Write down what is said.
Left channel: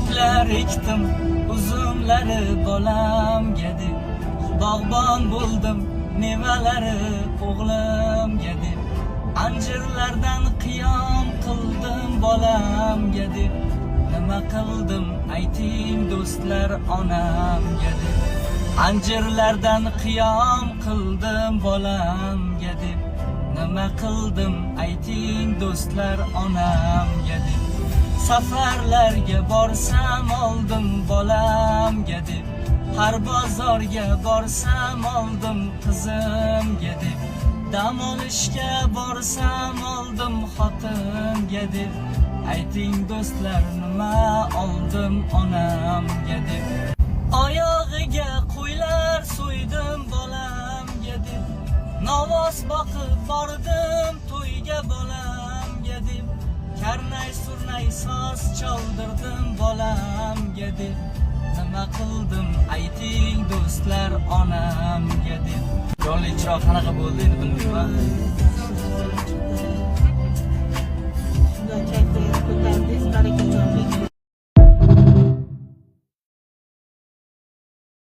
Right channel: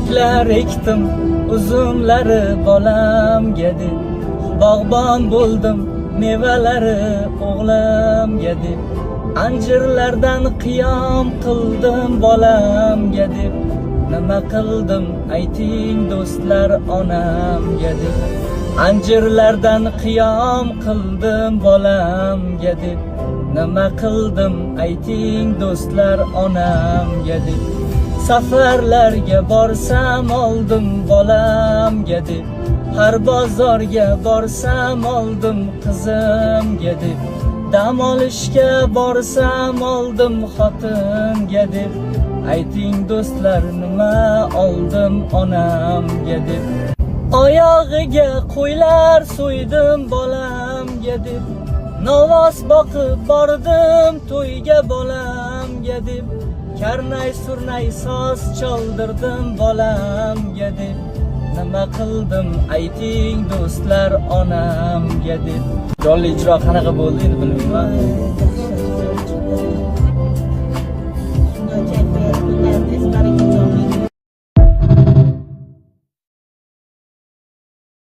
Choroklar ekdim uzumlari bolamga deb, bog'bon bo'ldim mevalari o'g'limga deb, anjirlardan qiyom qildim bolamga deb, nima qildim ayting do'stlar onamga deb, anjirlardan qiyom qildim bolamga deb, nima qildim ayting do'stlar onamga deb, safarlarga borsam oldim bolamga deb, har bozorga borsam oldim qizimga deb, dam olishga borsam oldim xotinga deb, ayting do'stlar nima oldim onamga deb, oyog'iga qo'ylar so'ydim bolamga deb, novoz boqib bordim to'yga bolamga deb, karnay surnay soz chaldirdim bolamga deb, nima qildim ayting do'stlar onamga deb. Jonli ijro qanaqa bo'ldi endi bilmayman.